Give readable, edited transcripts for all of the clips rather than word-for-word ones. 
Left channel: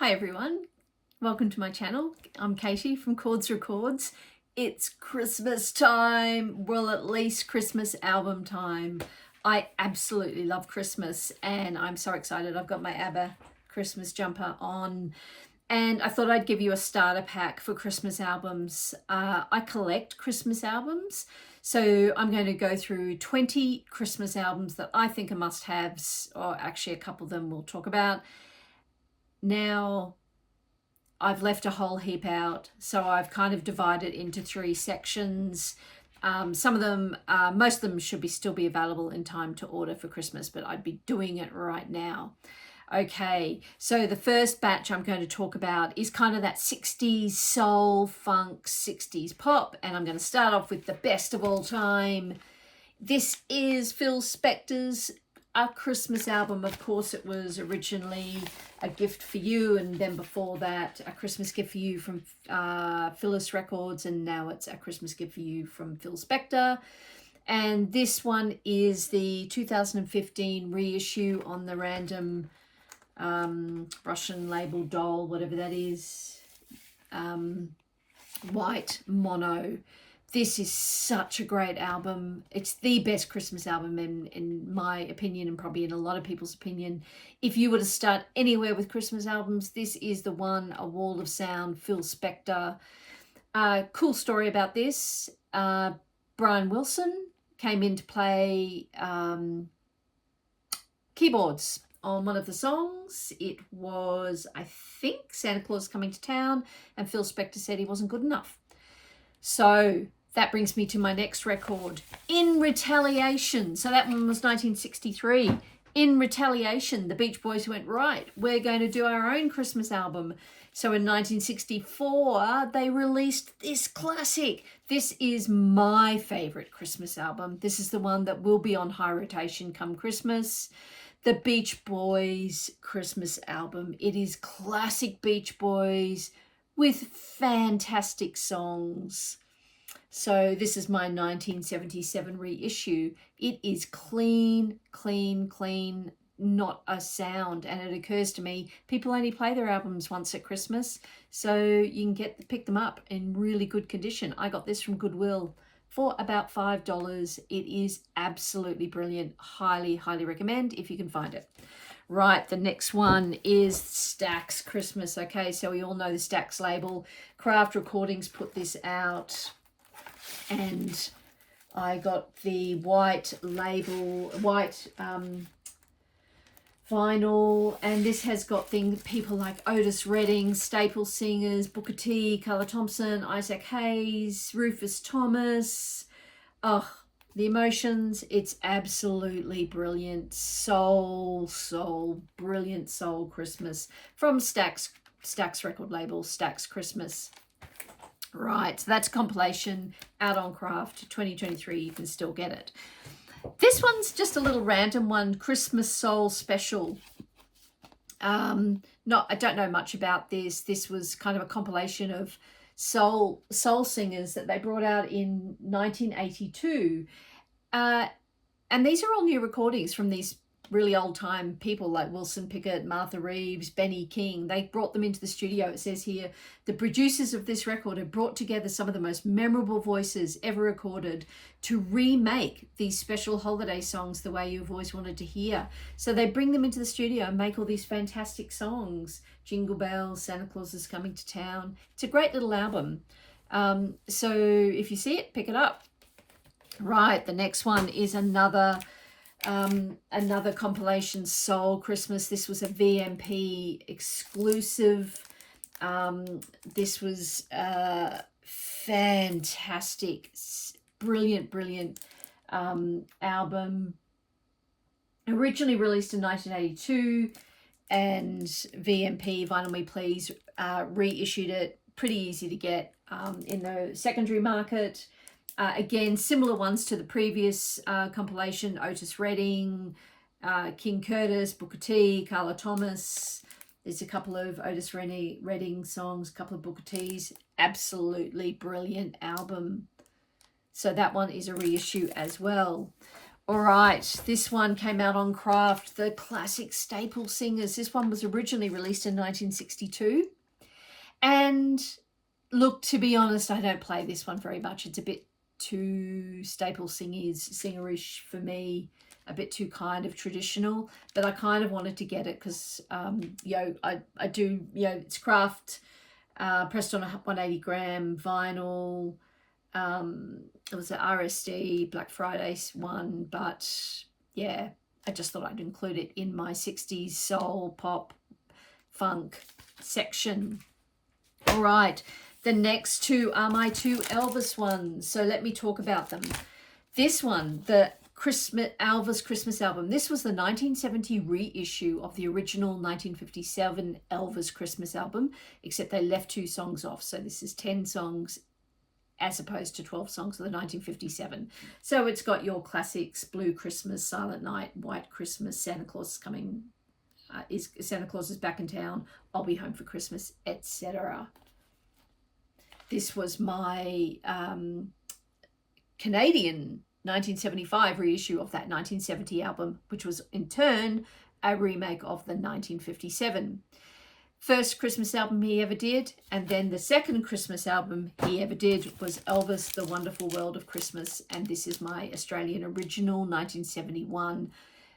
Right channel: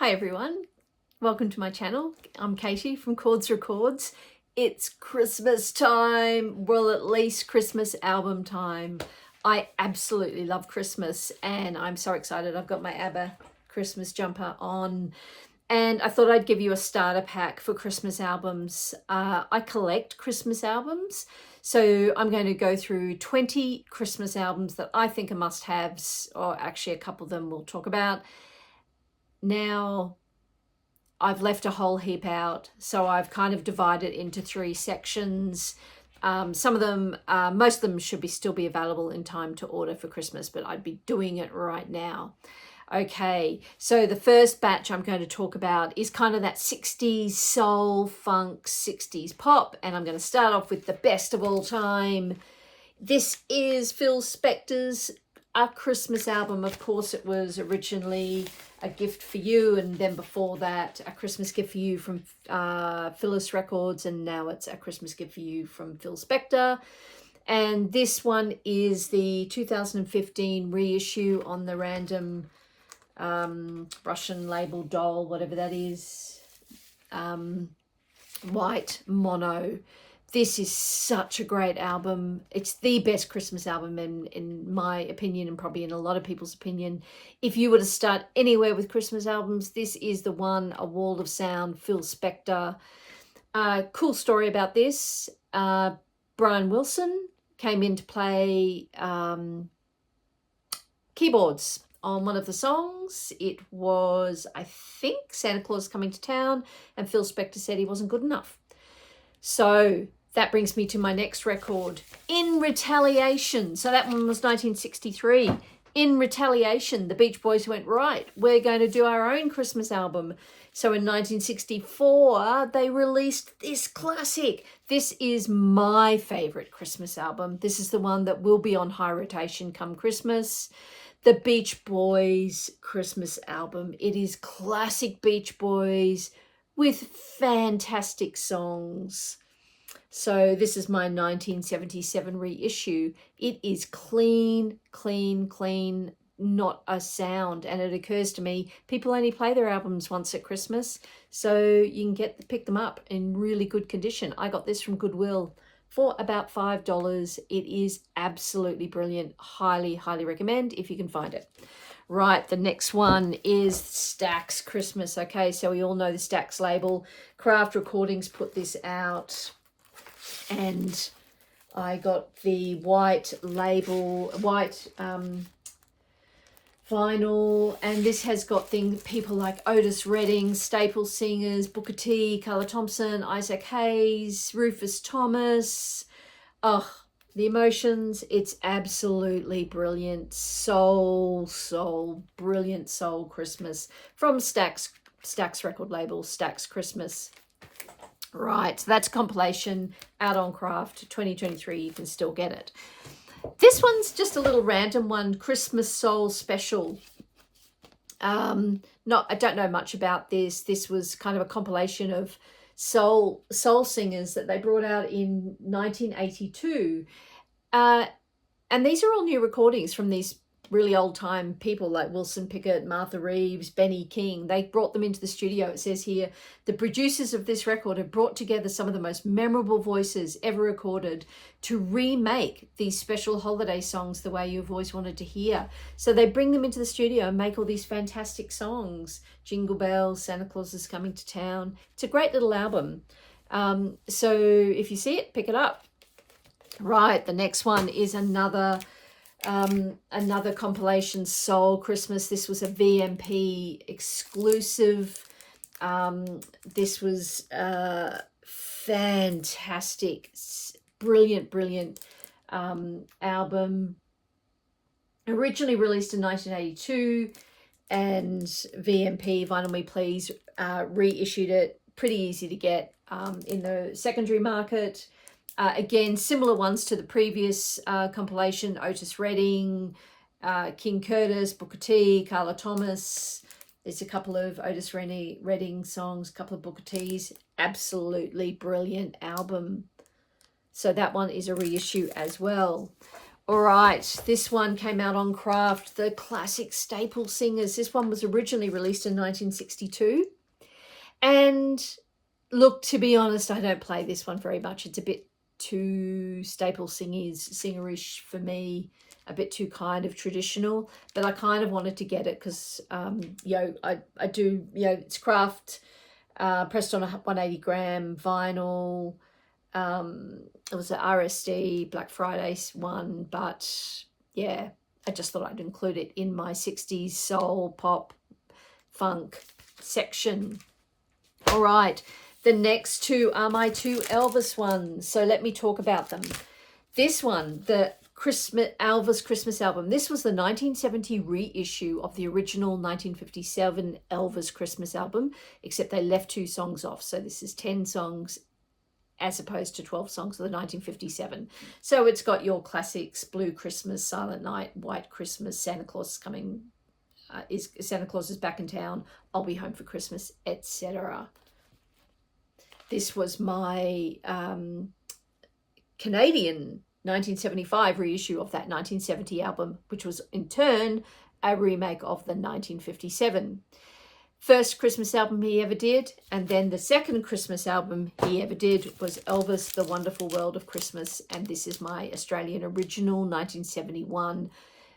Hi everyone, welcome to my channel. I'm Katie from Chords Records. It's Christmas time, well at least Christmas album time. I absolutely love Christmas and I'm so excited. I've got my ABBA Christmas jumper on and I thought I'd give you a starter pack for Christmas albums. I collect Christmas albums, so I'm going to go through 20 Christmas albums that I think are must-haves, or actually a couple of them we'll talk about. Now, I've left a whole heap out, so I've kind of divided into 3 sections. Some of them, most of them should still be available in time to order for Christmas, but I'd be doing it right now. Okay, so the first batch I'm going to talk about is kind of that 60s soul, funk, 60s pop, and I'm going to start off with the best of all time. This is Phil Spector's A Christmas Album. Of course, it was originally A Gift for You, and then before that, A Christmas Gift for You from Phyllis Records, and now it's A Christmas Gift for You from Phil Spector. And this one is the 2015 reissue on the random Russian label doll, whatever that is, white mono. This is such a great album. It's the best Christmas album in my opinion, and probably in a lot of people's opinion. If you were to start anywhere with Christmas albums, this is the one. A Wall of Sound, Phil Spector. Cool story about this. Brian Wilson came in to play keyboards on one of the songs. It was, I think, Santa Claus Coming to Town, and Phil Spector said he wasn't good enough. So that brings me to my next record, In Retaliation. So that one was 1963. In Retaliation, the Beach Boys went, right, we're going to do our own Christmas album. So in 1964, they released this classic. This is my favorite Christmas album. This is the one that will be on high rotation come Christmas. The Beach Boys Christmas album. It is classic Beach Boys with fantastic songs. So this is my 1977 reissue. It is clean, clean, clean, not a sound. And it occurs to me, people only play their albums once at Christmas, so you can pick them up in really good condition. I got this from Goodwill for about $5. It is absolutely brilliant. Highly, highly recommend if you can find it. Right, the next one is Stax Christmas. Okay, so we all know the Stax label. Craft Recordings put this out, and I got the white label, white vinyl, and this has got people like Otis Redding, staple singers, Booker T, Carla Thompson, Isaac Hayes, Rufus Thomas. Oh, the emotions, it's absolutely brilliant. Soul, brilliant soul Christmas from Stax record label, Stax Christmas. Right, so that's a compilation out on Craft 2023. You can still get it. This one's just a little random one, Christmas Soul Special. I don't know much about this. This was kind of a compilation of soul singers that they brought out in 1982. And these are all new recordings from these really old time people like Wilson Pickett, Martha Reeves, Benny King. They brought them into the studio. It says here, the producers of this record have brought together some of the most memorable voices ever recorded to remake these special holiday songs the way you've always wanted to hear. So they bring them into the studio and make all these fantastic songs. Jingle Bells, Santa Claus is Coming to Town. It's a great little album. So if you see it, pick it up. Right, the next one is another compilation, Soul Christmas. This was a VMP exclusive. This was fantastic, brilliant album. Originally released in 1982, and VMP, Vinyl Me Please, reissued it. Pretty easy to get in the secondary market. Again, similar ones to the previous compilation, Otis Redding, King Curtis, Booker T, Carla Thomas. There's a couple of Otis Redding songs, a couple of Booker T's. Absolutely brilliant album. So that one is a reissue as well. All right, this one came out on Craft, the classic staple singers. This one was originally released in 1962. And look, to be honest, I don't play this one very much. It's a bit too staple singerish for me, a bit too kind of traditional. But I kind of wanted to get it because, you know, I do, you know, it's Craft, pressed on a 180 gram vinyl. It was an RSD Black Friday one, but yeah, I just thought I'd include it in my 60s soul, pop, funk section. All right, the next two are my two Elvis ones, so let me talk about them. This one, the Elvis Christmas album, this was the 1970 reissue of the original 1957 Elvis Christmas album, except they left 2 songs off, so this is 10 songs as opposed to 12 songs of the 1957. So it's got your classics: Blue Christmas, Silent Night, White Christmas, Santa Claus is coming, Santa Claus is back in town, I'll be home for Christmas, etc. This was my Canadian 1975 reissue of that 1970 album, which was in turn a remake of the 1957. First Christmas album he ever did, and then the second Christmas album he ever did was Elvis, The Wonderful World of Christmas, and this is my Australian original, 1971.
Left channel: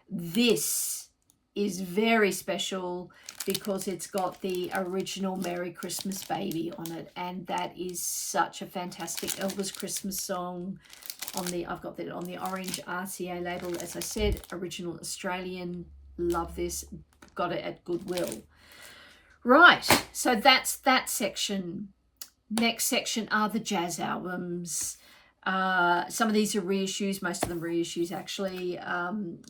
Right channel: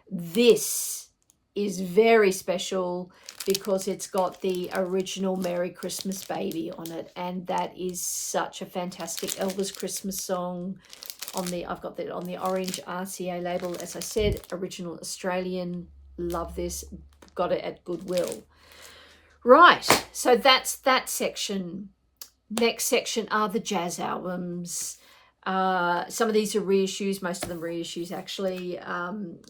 This is very special because it's got the original Merry Christmas Baby on it, and that is such a fantastic Elvis Christmas song. I've got that on the orange RCA label, as I said, original Australian. Love this, got it at Goodwill. Right, so that's that section. Next section are the jazz albums. Some of these are reissues, most of them reissues actually.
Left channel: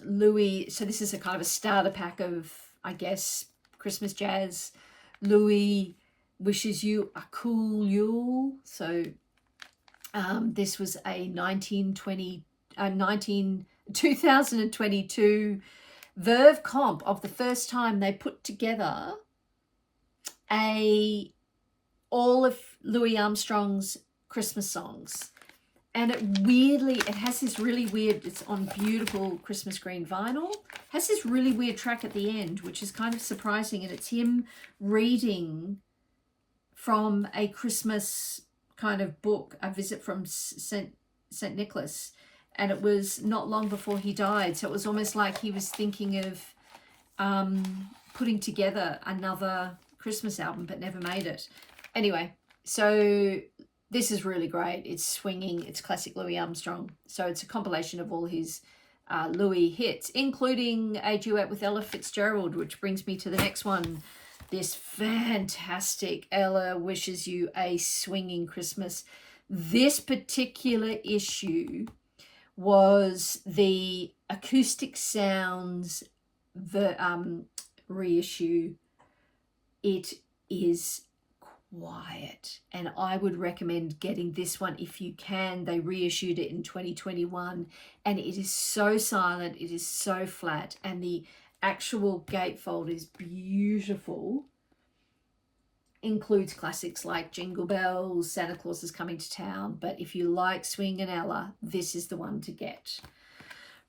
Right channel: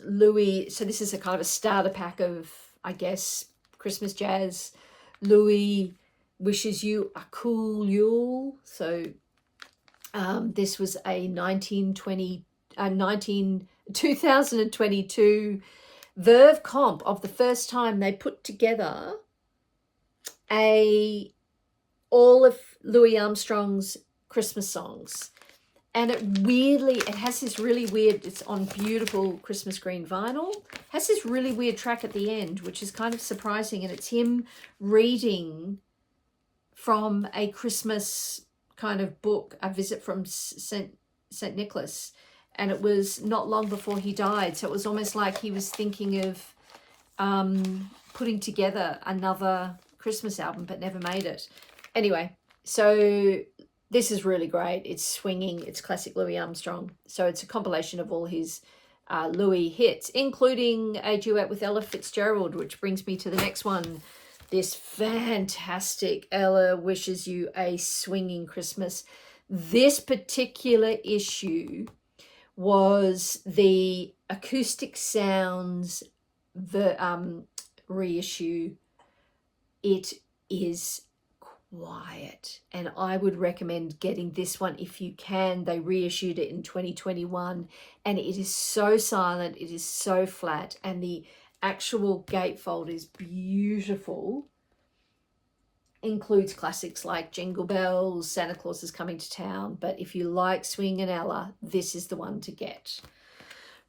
Louis, so this is a kind of a starter pack of, I guess, Christmas jazz. Louis wishes you a cool Yule. So this was a 2022 Verve comp of the first time they put together all of Louis Armstrong's Christmas songs. And it has this really weird, it's on beautiful Christmas green vinyl, has this really weird track at the end, which is kind of surprising. And it's him reading from a Christmas kind of book, A Visit from St. Nicholas. And it was not long before he died. So it was almost like he was thinking of putting together another Christmas album, but never made it. Anyway, so this is really great. It's swinging. It's classic Louis Armstrong. So it's a compilation of all his Louis hits, including a duet with Ella Fitzgerald, which brings me to the next one. This fantastic Ella Wishes You a Swinging Christmas. This particular issue was the Acoustic Sounds, the reissue. It is quiet, and I would recommend getting this one if you can. They reissued it in 2021, and it is so silent, it is so flat, and the actual gatefold is beautiful. Includes classics like Jingle Bells, Santa Claus is Coming to Town, but if you like Swing and Ella, this is the one to get.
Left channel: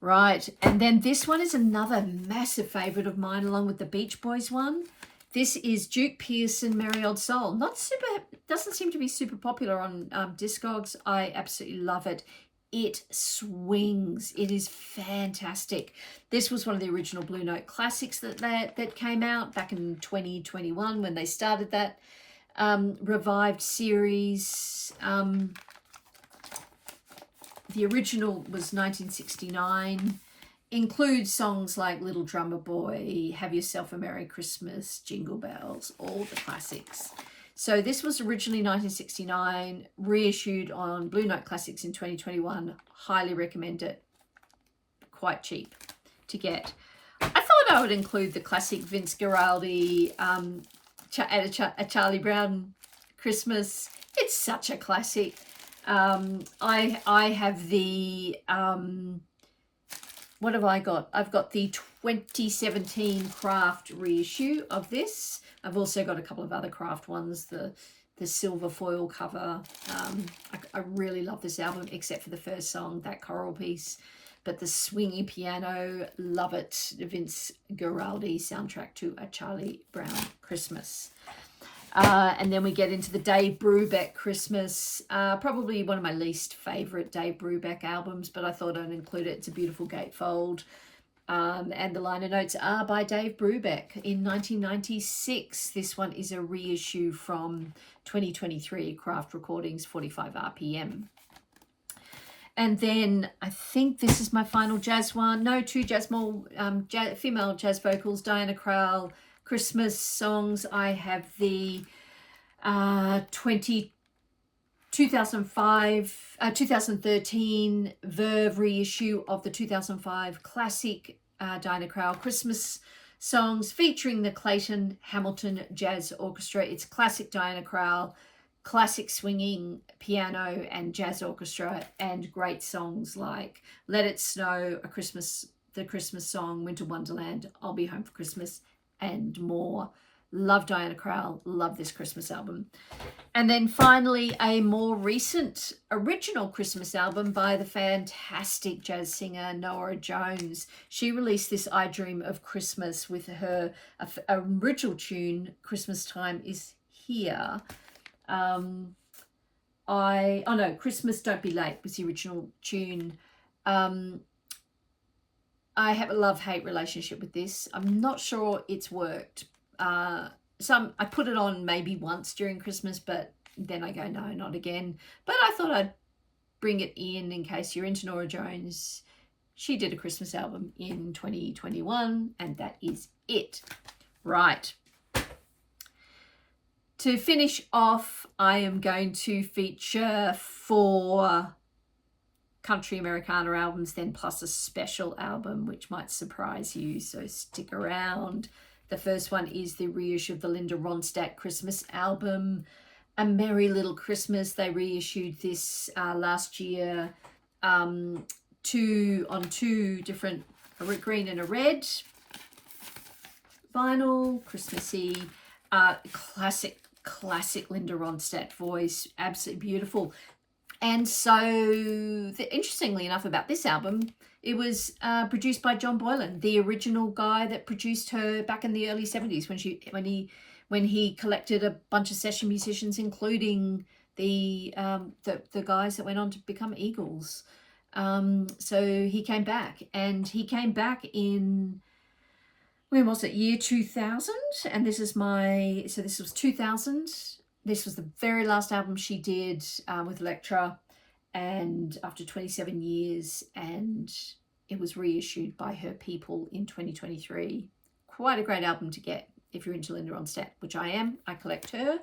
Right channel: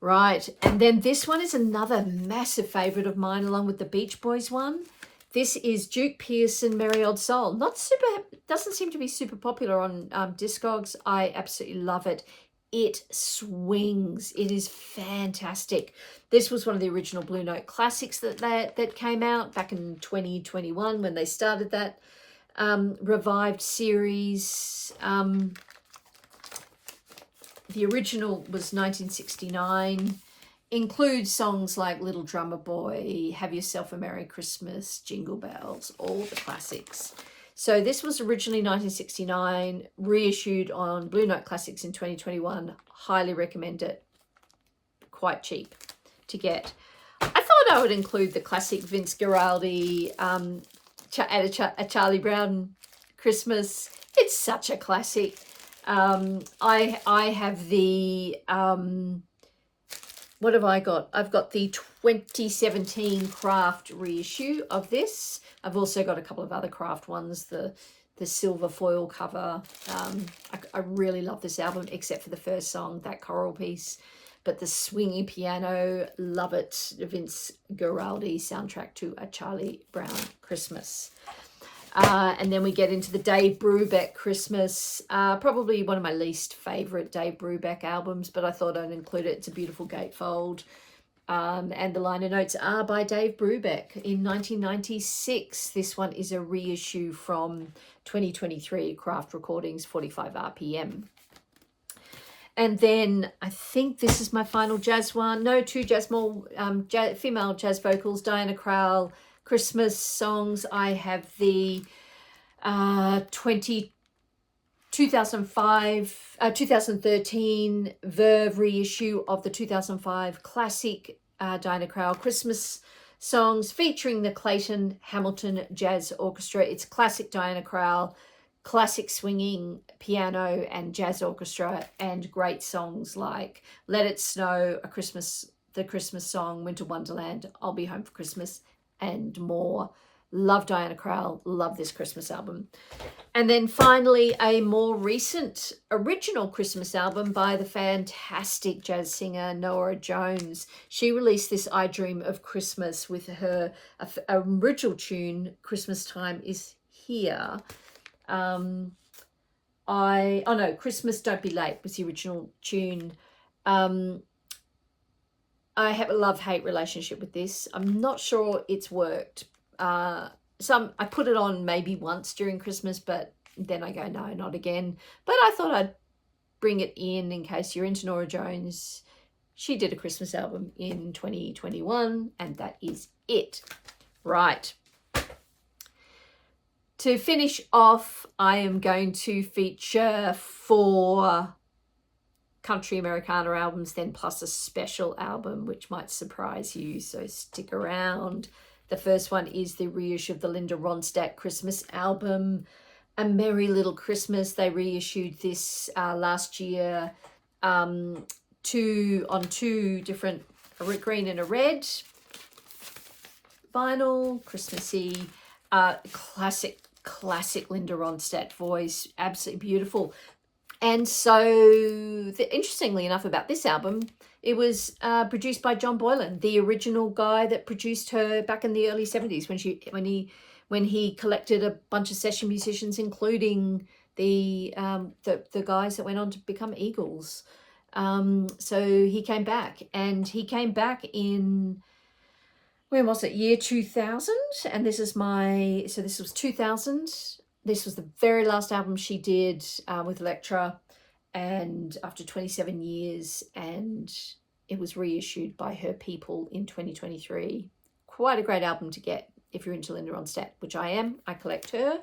Right, and then this one is another massive favorite of mine, along with the Beach Boys one. This is Juke Pearson, Merry Old Soul. Doesn't seem to be super popular on Discogs. I absolutely love it. It swings. It is fantastic. This was one of the original Blue Note classics that came out back in 2021 when they started that revived series. The original was 1969. Includes songs like Little Drummer Boy, Have Yourself a Merry Christmas, Jingle Bells, all the classics. So this was originally 1969, reissued on Blue Note Classics in 2021. Highly recommend it. Quite cheap to get. I thought I would include the classic Vince Guaraldi, a Charlie Brown Christmas. It's such a classic. I have the... what have I got? I've got the 2017 Craft reissue of this. I've also got a couple of other Craft ones, the silver foil cover. I really love this album, except for the first song, that choral piece. but the swingy piano, love it. Vince Guaraldi soundtrack to A Charlie Brown Christmas. And then we get into the Dave Brubeck Christmas, probably one of my least favourite Dave Brubeck albums, but I thought I'd include it. It's a beautiful gatefold. And the liner notes are by Dave Brubeck in 1996. This one is a reissue from 2023, Craft Recordings, 45 RPM. And then I think this is my final jazz one. No, two female jazz vocals, Diana Krall, Christmas songs. I have the 2013 Verve reissue of the 2005 classic Diana Krall Christmas songs featuring the Clayton Hamilton Jazz Orchestra. It's classic Diana Krall, classic swinging piano and jazz orchestra, and great songs like Let It Snow, the Christmas song, Winter Wonderland, I'll Be Home for Christmas, and more. Love Diana Krall, love this Christmas album. And then finally, a more recent original Christmas album by the fantastic jazz singer Norah Jones. She released this I Dream of Christmas with her original tune, Christmas Time Is Here. Christmas Don't Be Late was the original tune. I have a love-hate relationship with this. I'm not sure it's worked. I put it on maybe once during Christmas, but then I go, no, not again. But I thought I'd bring it in case you're into Norah Jones. She did a Christmas album in 2021, and that is it. Right. To finish off, I am going to feature 4 country Americana albums, then plus a special album, which might surprise you, so stick around. The first one is the reissue of the Linda Ronstadt Christmas album, A Merry Little Christmas. They reissued this last year on 2 different, a green and a red vinyl, Christmassy, classic Linda Ronstadt voice, absolutely beautiful. And so, interestingly enough about this album, it was produced by John Boylan, the original guy that produced her back in the early 70s when he collected a bunch of session musicians, including the guys that went on to become Eagles. So he came back, and he came back in, when was it? Year 2000. And this was 2000. This was the very last album she did with Elektra, and after 27 years, and it was reissued by her people in 2023. Quite a great album to get if you're into Linda Ronstadt, which I am. I collect her.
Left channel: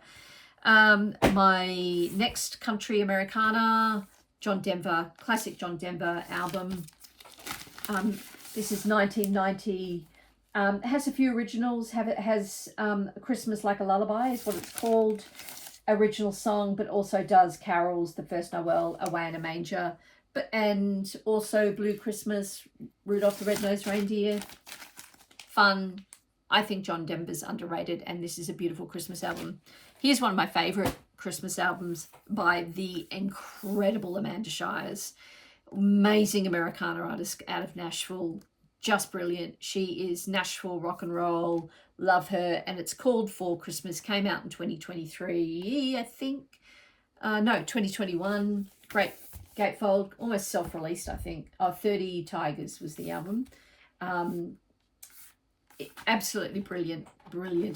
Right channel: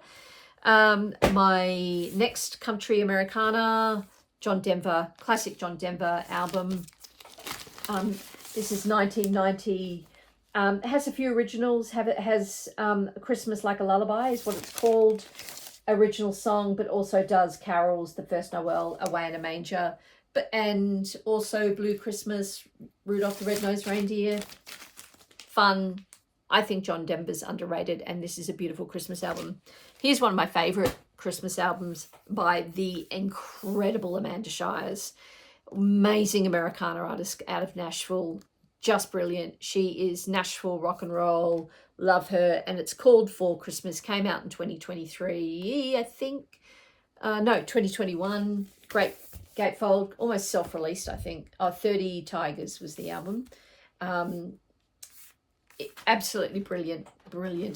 My next country Americana, John Denver, classic John Denver album. This is 1990. It has a few originals. It has Christmas Like a Lullaby is what it's called, original song, but also does carols, The First Noel, Away in a Manger, and also Blue Christmas, Rudolph the Red-Nosed Reindeer. Fun. I think John Denver's underrated, and this is a beautiful Christmas album. Here's one of my favourite Christmas albums by the incredible Amanda Shires. Amazing Americana artist out of Nashville. Just brilliant. She is Nashville rock and roll. Love her. And it's called For Christmas. Came out in 2023, I think. 2021. Great gatefold. Almost self-released, I think. 30 Tigers was the album. Absolutely brilliant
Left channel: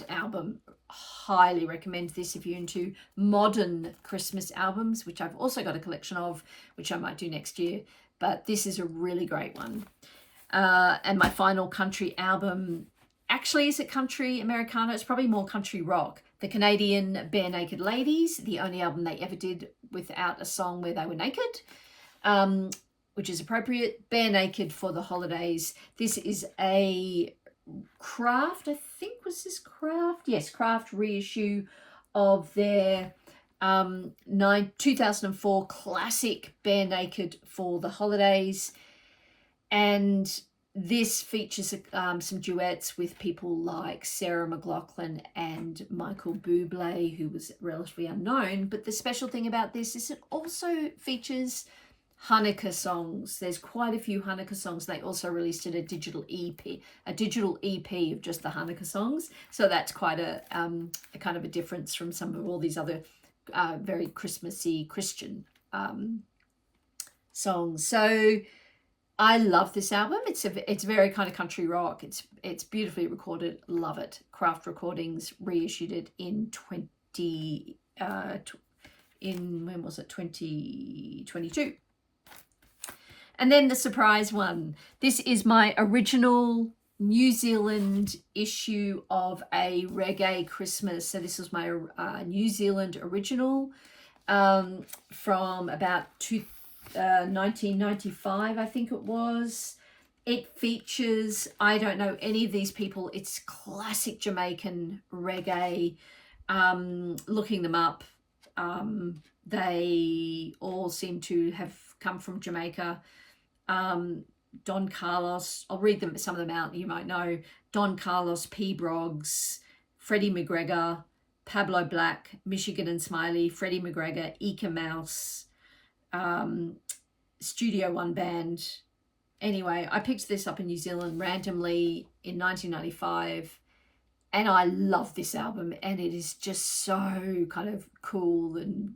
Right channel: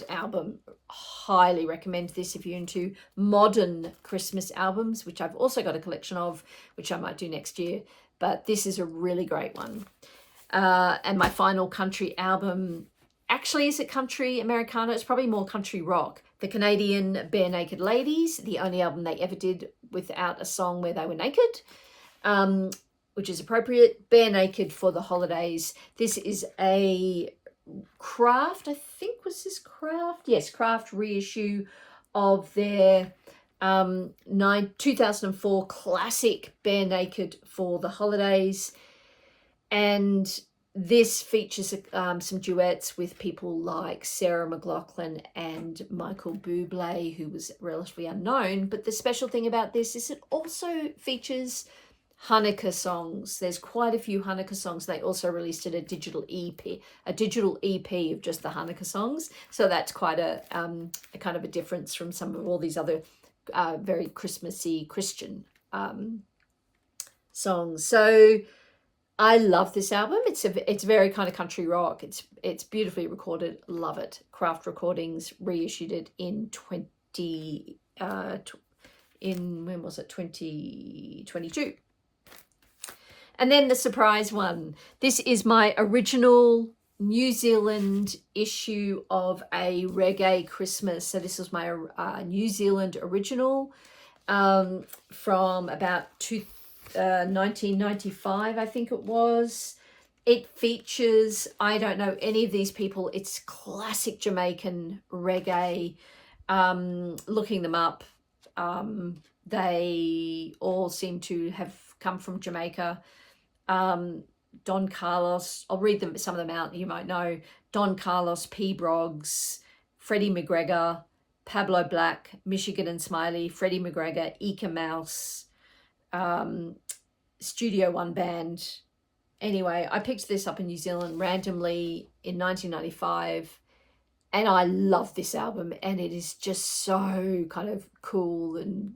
album. Highly recommend this if you're into modern Christmas albums, which I've also got a collection of, which I might do next year. But this is a really great one. And my final country album, actually, is it country Americana? It's probably more country rock. The Canadian Bare Naked Ladies, the only album they ever did without a song where they were naked, which is appropriate. Bare Naked for the Holidays. This is a Craft, I think, was this Craft? Yes, Craft reissue of their 2004 classic Bare Naked for the Holidays. And this features some duets with people like Sarah McLachlan and Michael Bublé, who was relatively unknown. But the special thing about this is it also features Hanukkah songs. There's quite a few Hanukkah songs. They also released a digital EP of just the Hanukkah songs. So that's quite a kind of a difference from some of all these other very Christmassy Christian songs. So I love this album. It's very kind of country rock. It's beautifully recorded. Love it. Craft Recordings reissued it in when was it? 2022. And then the surprise one. This is my original New Zealand issue of a reggae Christmas. So this was my New Zealand original from about 1995, I think it was. It features, I don't know any of these people. It's classic Jamaican reggae. Looking them up, they all seem to have come from Jamaica. Don Carlos, I'll read them, some of them out, you might know. Don Carlos, P. Broggs, Freddie McGregor, Pablo Black, Michigan and Smiley, Freddie McGregor, Eka Mouse, Studio One Band. Anyway, I picked this up in New Zealand randomly in 1995, and I love this album, and it is just so kind of cool and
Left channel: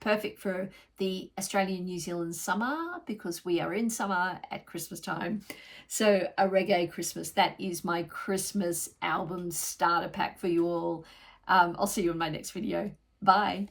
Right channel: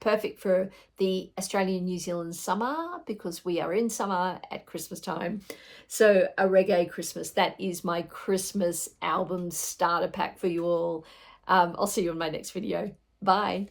perfect for the Australian New Zealand summer, because we are in summer at Christmas time. So a reggae Christmas, that is my Christmas album starter pack for you all. I'll see you in my next video. Bye.